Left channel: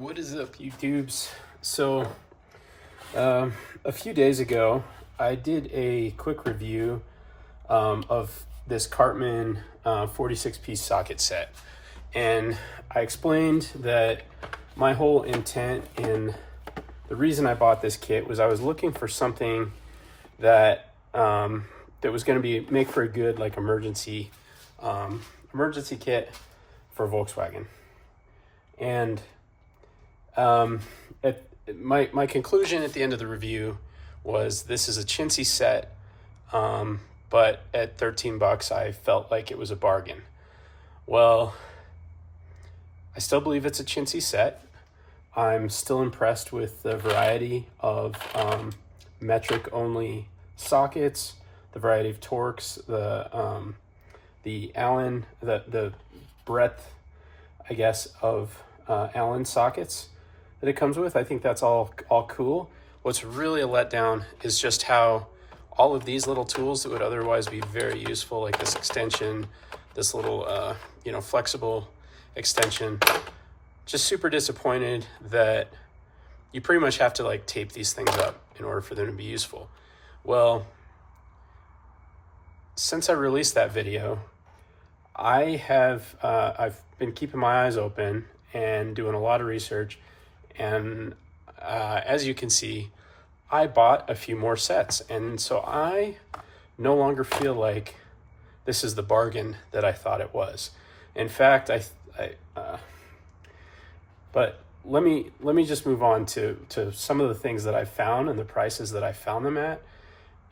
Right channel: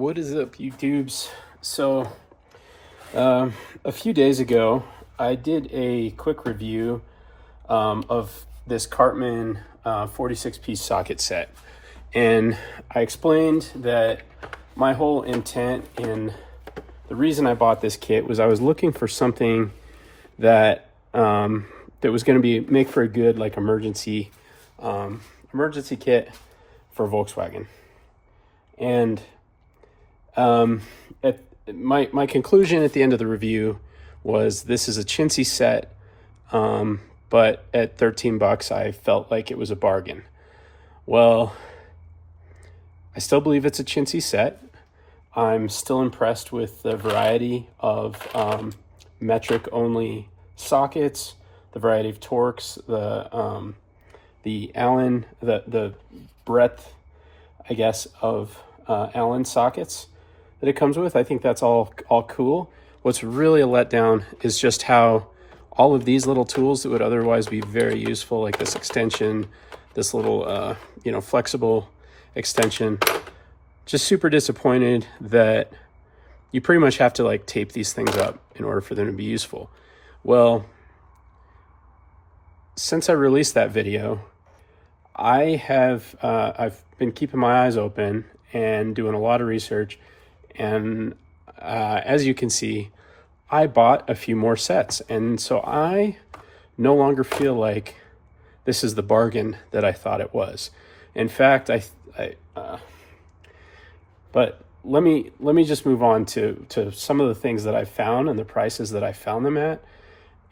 What is up, YouTubes? So, a few days ago, I did a quick review of this Cartman 46-piece socket set. And I explained that my whole intent and the reason I bought this kit was I was looking for something that that was going to make for a good emergency kit for Volkswagen. And my conclusion at the end of the review was this is a chintzy set, but at $13 I felt like it was a bargain. Well, I still believe it's a chintzy set. I'm still impressed with the variety of metric only sockets, the variety of torques, the Allen, the breadth, I guess, of Allen sockets that it comes with. I think that's all cool. What's really a letdown is just how all of these little tools that would otherwise be very useful, like this extension, this little flexible extension, just super disappointed that you pretty much have to tape these things up in order for them to be useful. Well, since I released that video, I've been keeping my eyes open and doing a lot of research, and as you can see, I bought a few more sets, and so I no longer feel like this is the bargain that I thought it was. In fact, but let me just move on to some of the things that I found and the prices that I found them at,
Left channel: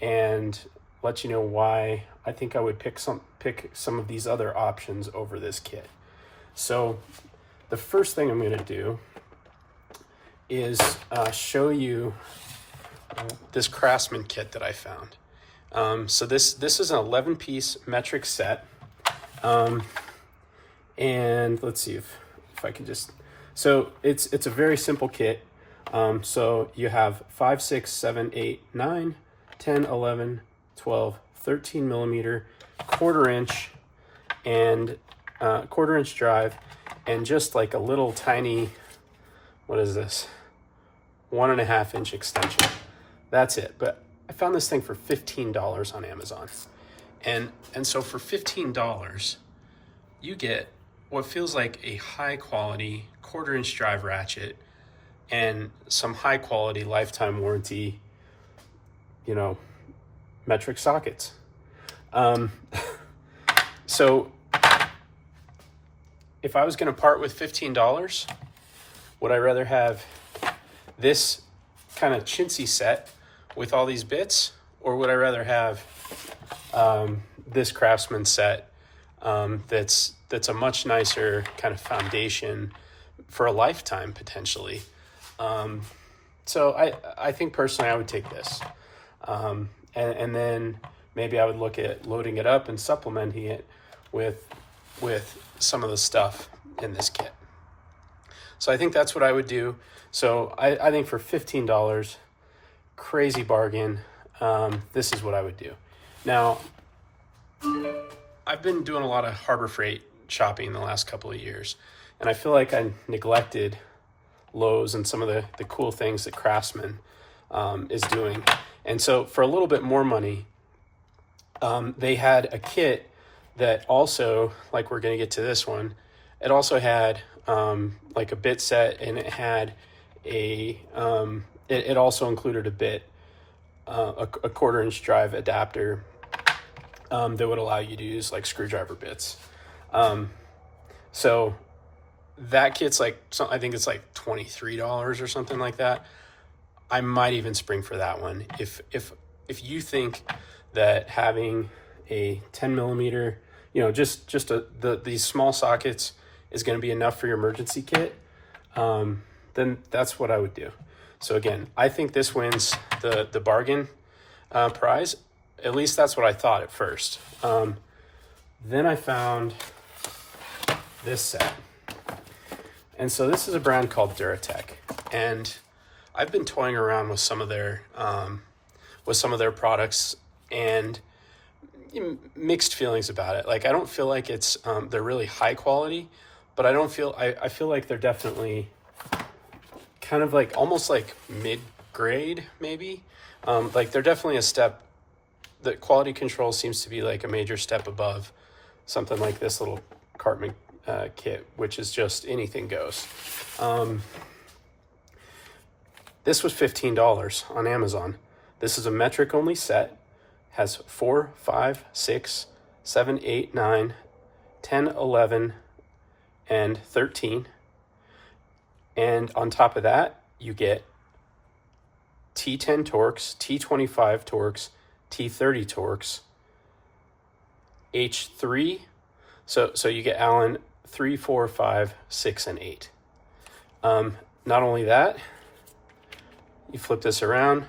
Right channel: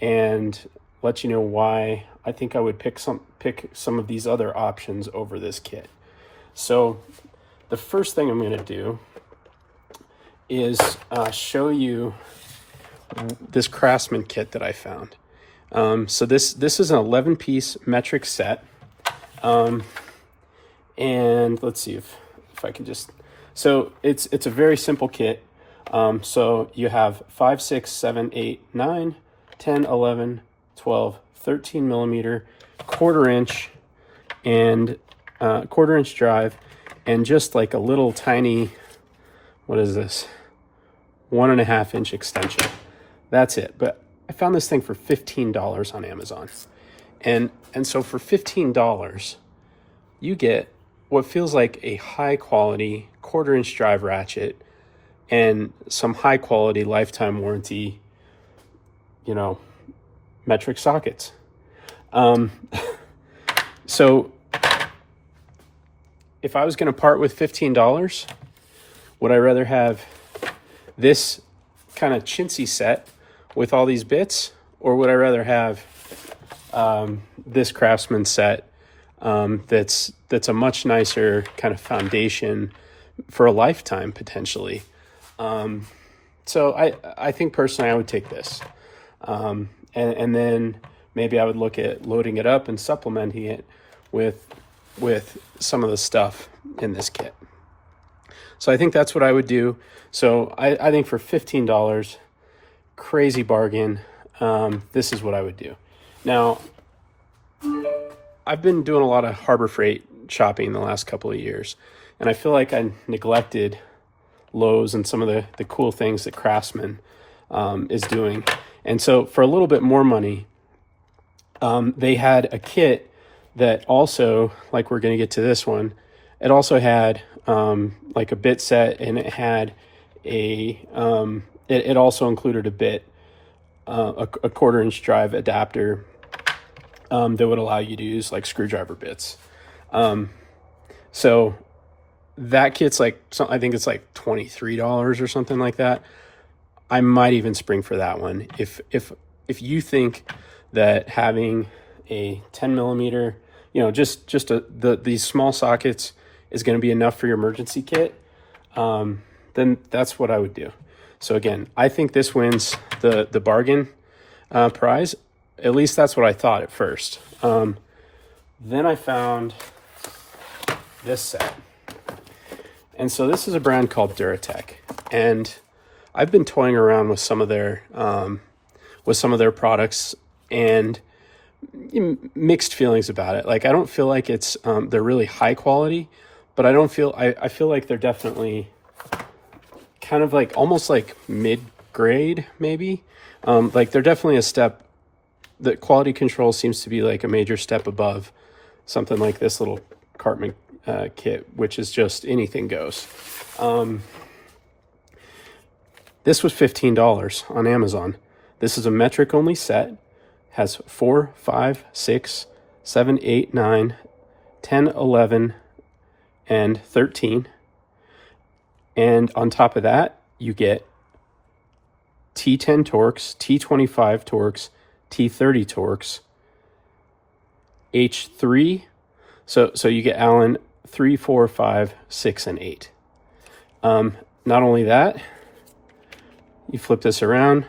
and let you know why I think I would pick some of these other options over this kit. So the first thing I'm going to do is show you this Craftsman kit that I found. So this is an 11-piece metric set, and let's see if I can just. So it's a very simple kit. So you have 5, 6, 7, 8, 9, 10, 11, 12, 13 millimeter, quarter-inch drive, and just like a little tiny, what is this, 1.5-inch extension. That's it. But I found this thing for $15 on Amazon, and so for $15 you get what feels like a high quality quarter-inch drive ratchet and some high quality lifetime warranty metric sockets. So if I was going to part with $15, would I rather have this kind of chintzy set with all these bits, or would I rather have this Craftsman set that's a much nicer kind of foundation for a lifetime potentially? So I think personally I would take this, and then maybe I would look at loading it up and supplementing it with some of the stuff in this kit. So I think that's what I would do. So I think for $15, crazy bargain, this is what I would do. Now, I've been doing a lot of Harbor Freight shopping the last couple of years, and I feel like I neglected Lowe's and some of the cool things that Craftsman is doing. And so for a little bit more money, they had a kit that also, like we're going to get to this one, it also had like a bit set, and it had it also included a bit, a quarter-inch drive adapter that would allow you to use like screwdriver bits. So that kit's I think it's like $23 or something like that. I might even spring for that one. If you think that having a 10 millimeter, these small sockets is going to be enough for your emergency kit, then that's what I would do. So again, I think this wins the bargain prize. At least that's what I thought at first. Then I found this set. And so this is a brand called Duratech. And I've been toying around with some of their products, and mixed feelings about it. I don't feel like they're really high quality, but I feel like they're definitely kind of like almost like mid-grade maybe. Like they're definitely a step. The quality control seems to be like a major step above something like this little Cartman kit, which is just anything goes. This was $15 on Amazon. This is a metric only set, has 4, 5, 6, 7, 8, 9, 10, 11, and 13. And on top of that, you get T10 Torx, T25 Torx, T30 Torx, H3. So you get Allen 3, 4, 5, 6, and 8. Not only that, you flip this around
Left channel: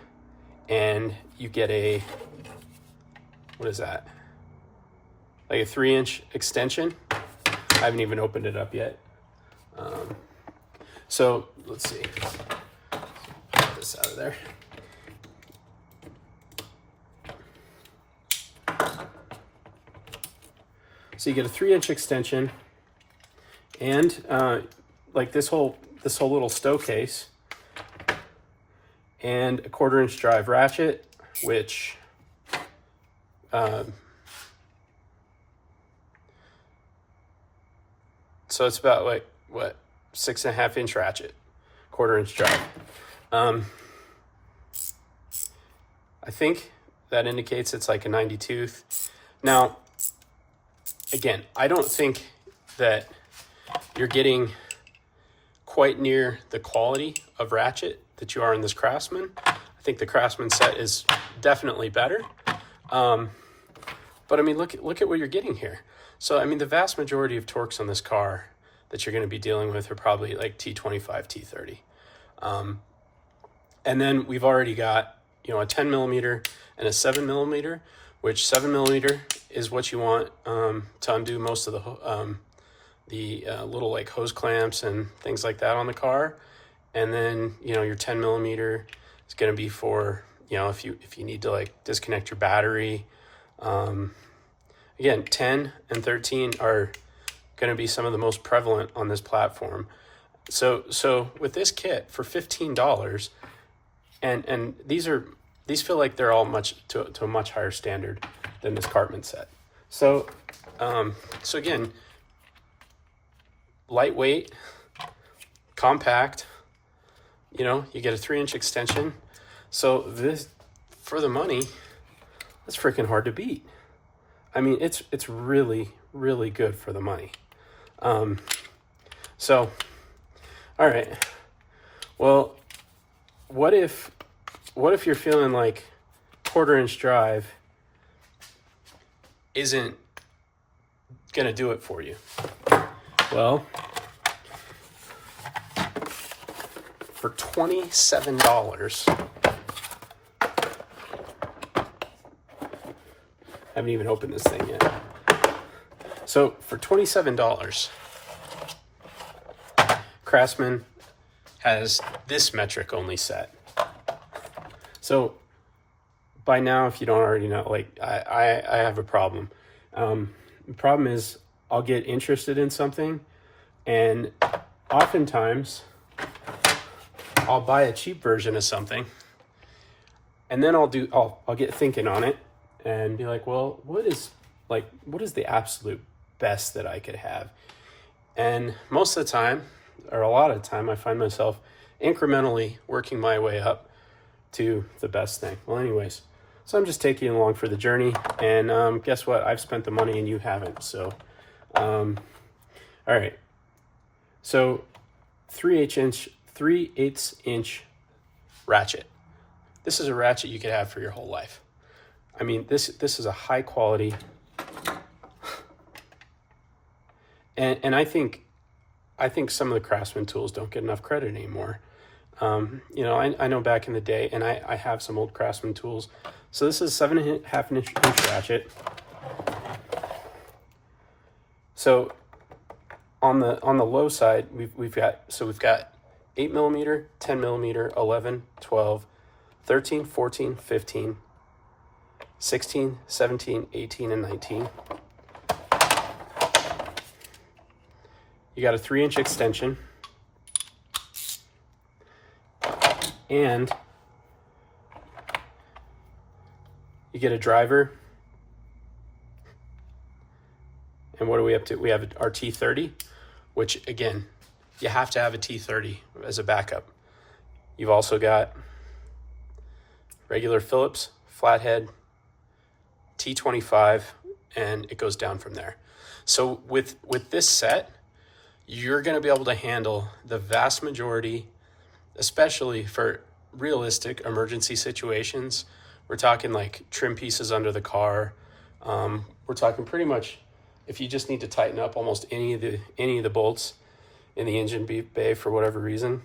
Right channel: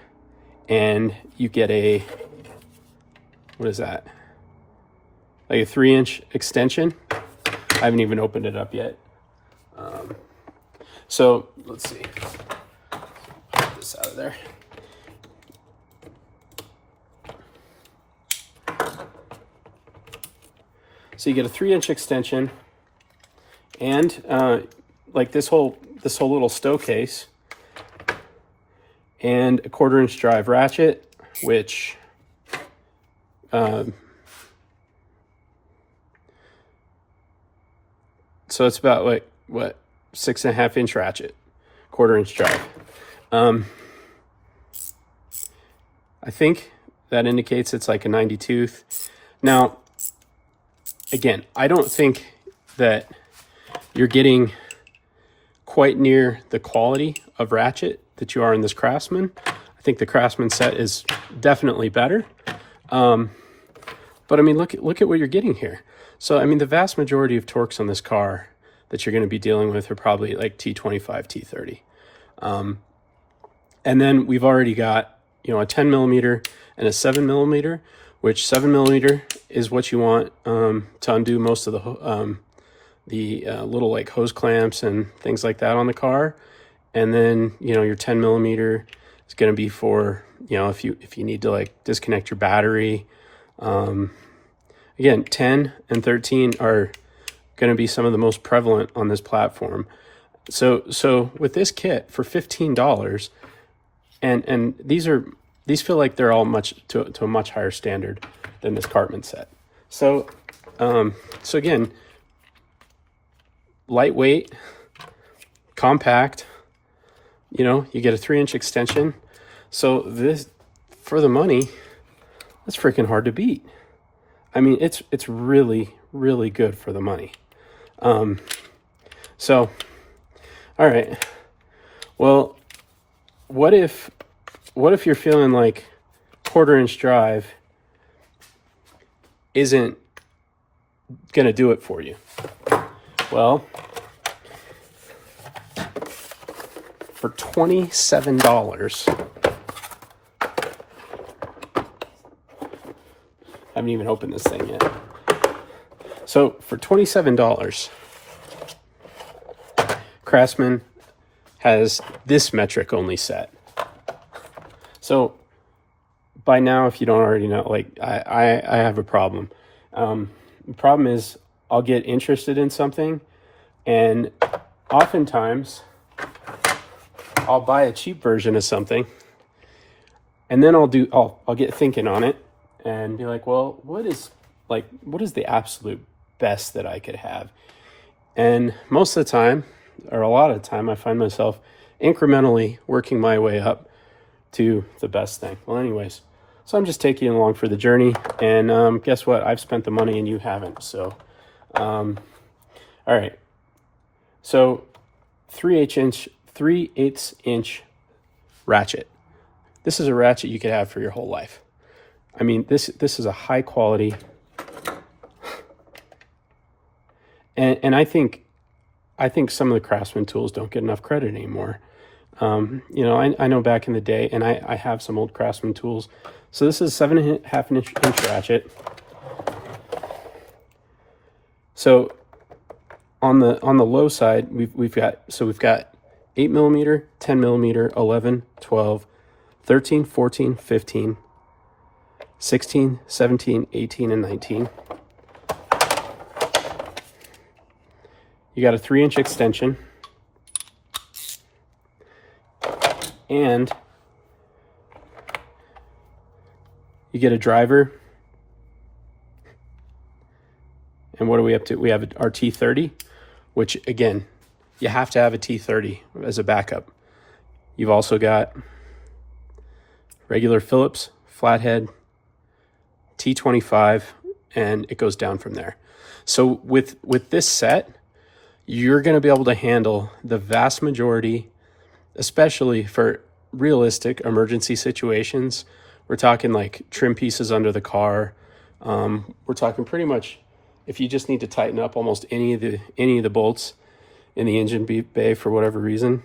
and you get a, what is that? Like a 3-inch extension. I haven't even opened it up yet. So let's see. Get this out of there. So you get a 3-inch extension, and like this whole little stow case, and a 1/4-inch drive ratchet, which so it's about like what, 6.5-inch ratchet, 1/4-inch drive. I think that indicates it's like a 90 tooth. Now, again, I don't think that you're getting quite near the quality of ratchet that you are in this Craftsman. I think the Craftsman set is definitely better. But I mean, look at what you're getting here. So, I mean, the vast majority of torques on this car that you're going to be dealing with are probably like T25, T30. And then we've already got, you know, a 10 millimeter and a 7 millimeter, which 7 millimeter is what you want to undo most of the little like hose clamps and things like that on the car. And then, you know, your 10 millimeter is going to be for, you know, if you need to like disconnect your battery. Again, 10 and 13 are going to be some of the most prevalent on this platform. So with this kit for $15, and these feel like they're all to a much higher standard than this Cartman set. So again, lightweight, compact. You know, you get a 3-inch extension. So this, for the money, it's freaking hard to beat. I mean, it's really, really good for the money. So, all right. Well, what if you're feeling like 1/4-inch drive isn't gonna do it for you? Well, for $27, I haven't even opened this thing yet. So for $27, Craftsman has this metric only set. So by now, if you don't already know, like I have a problem. The problem is I'll get interested in something, and oftentimes I'll buy a cheap version of something, and then I'll get thinking on it and be like, well, what is the absolute best that I could have? And most of the time, or a lot of the time, I find myself incrementally working my way up to the best thing. Well, anyways, so I'm just taking you along for the journey, and guess what? I've spent the money and you haven't. So, all right. So 3/8 inch ratchet. This is a ratchet you could have for your whole life. I mean, this is a high quality, and I think some of the Craftsman tools don't get enough credit anymore. You know, I know back in the day, and I have some old Craftsman tools. So this is 7.5 inch ratchet. So on the low side, we've got 8 millimeter, 10 millimeter, 11, 12, 13, 14, 15, 16, 17, 18, and 19. You got a 3-inch extension. And you get a driver. And what are we up to? We have our T30, which again, you have to have a T30 as a backup. You've also got regular Phillips, flathead, T25, and it goes down from there. So with this set, you're gonna be able to handle the vast majority, especially for realistic emergency situations. We're talking like trim pieces under the car. We're talking pretty much if you just need to tighten up almost any of the bolts in the engine bay for whatever reason,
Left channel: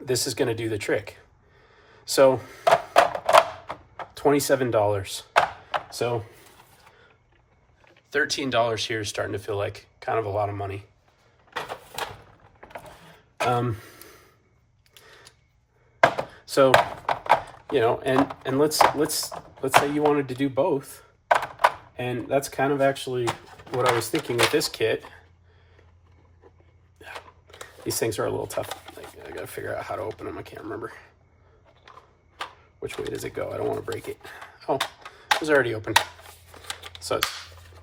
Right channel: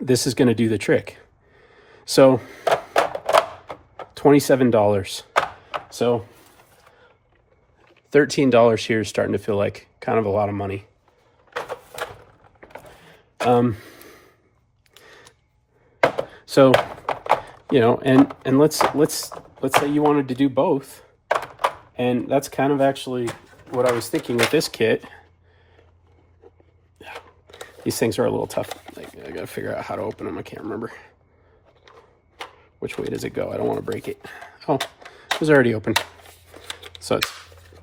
this is going to do the trick. So $27. So $13 here is starting to feel like kind of a lot of money. So, you know, and let's say you wanted to do both. And that's kind of actually what I was thinking with this kit. These things are a little tough. I gotta figure out how to open them. I can't remember. Which way does it go? I don't want to break it. Oh, it was already open. So it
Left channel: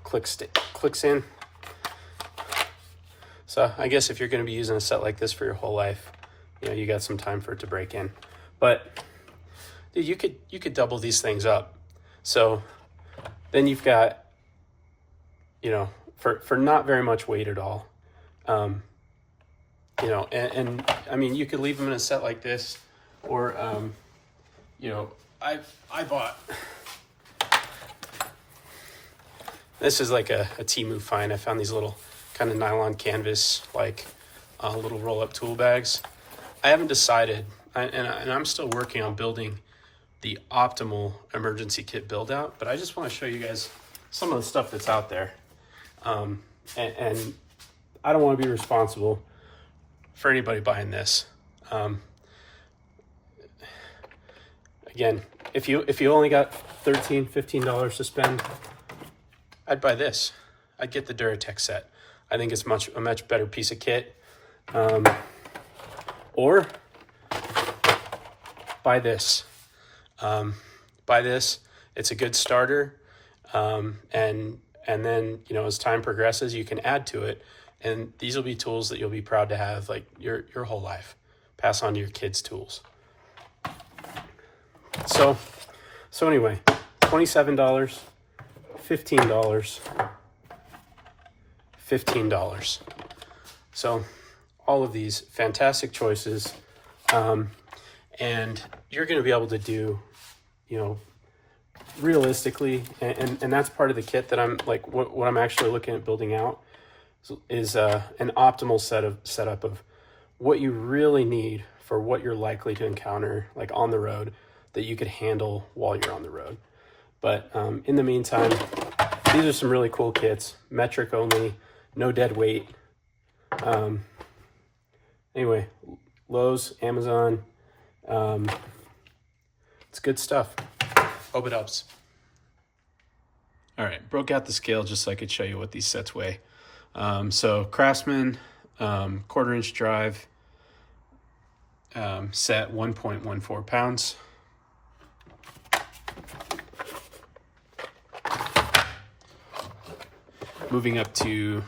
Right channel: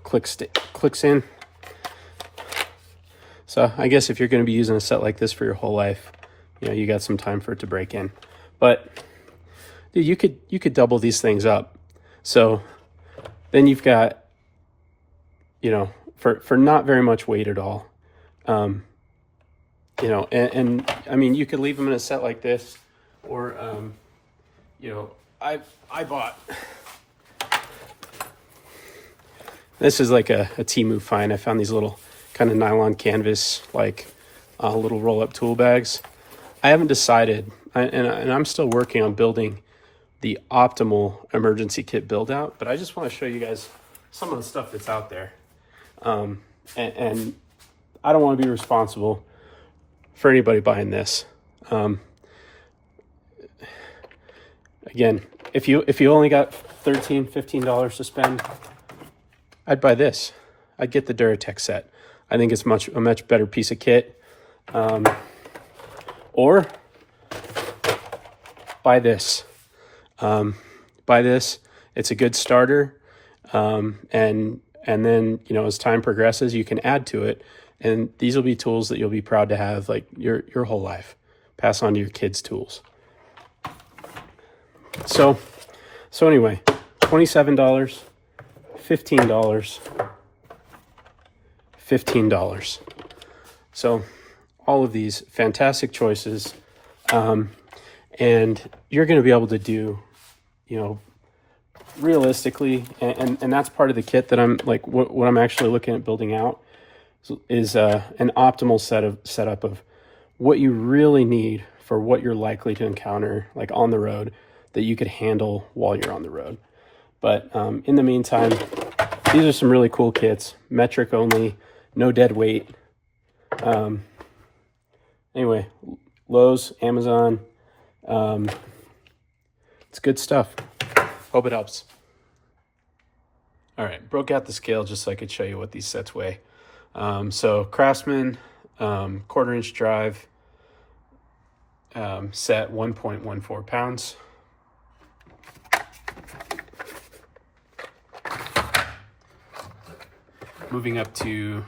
clicks in. So I guess if you're going to be using a set like this for your whole life, you know, you got some time for it to break in. But dude, you could double these things up. So then you've got, you know, for not very much weight at all. You know, and I mean, you could leave them in a set like this, or, you know, I bought, this is like a Temu find. I found these little kind of nylon canvas, like little roll-up tool bags. I haven't decided, and I'm still working on building the optimal emergency kit build out, but I just want to show you guys some of the stuff that's out there. And I don't want to be responsible for anybody buying this. Again, if you only got $15 to spend, I'd buy this. I'd get the Duratech set. I think it's a much better piece of kit. Or buy this. Buy this. It's a good starter. And then, you know, as time progresses, you can add to it. And these will be tools that you'll be proud to have like your whole life. Pass on to your kids' tools. So anyway, $27, $15, $15. So all of these fantastic choices. And you're going to be able to do, you know, realistically, and that's part of the kit that I'm like, what I'm actually looking at building out is an optimal setup of what you really need for what you're likely to encounter like on the road that you could handle while you're on the road. But in the meantime, these are some really cool kits, metric only, no dead weight. Anyway, Lowe's, Amazon, it's good stuff. Hope it helps. All right, broke out the scale just so I could show you what these sets weigh. So Craftsman, 1/4 inch drive, set 1.14 pounds. Moving up to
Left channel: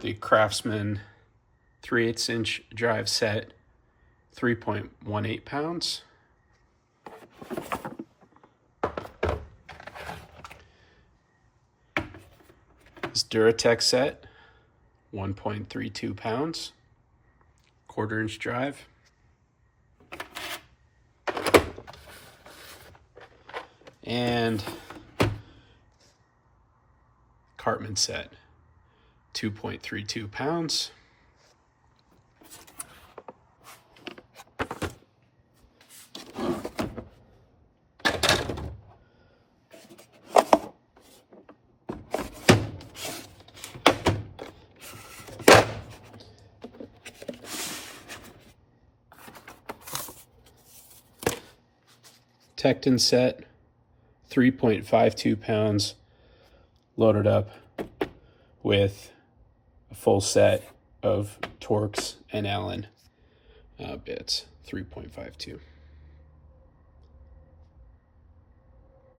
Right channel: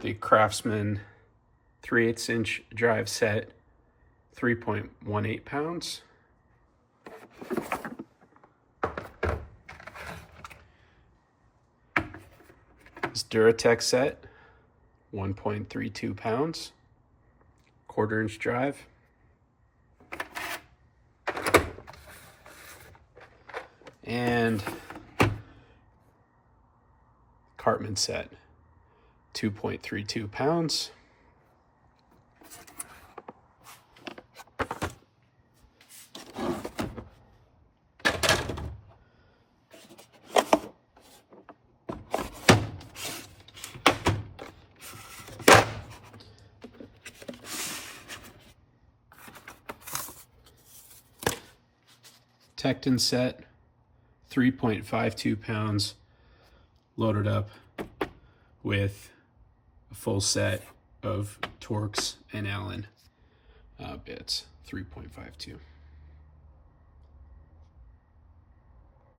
the Craftsman 3/8 inch drive set, 3.18 pounds. This Duratech set, 1.32 pounds, 1/4 inch drive. And Cartman set, 2.32 pounds. Tecton set, 3.52 pounds, loaded up with a full set of Torx and Allen. bits, 3.52.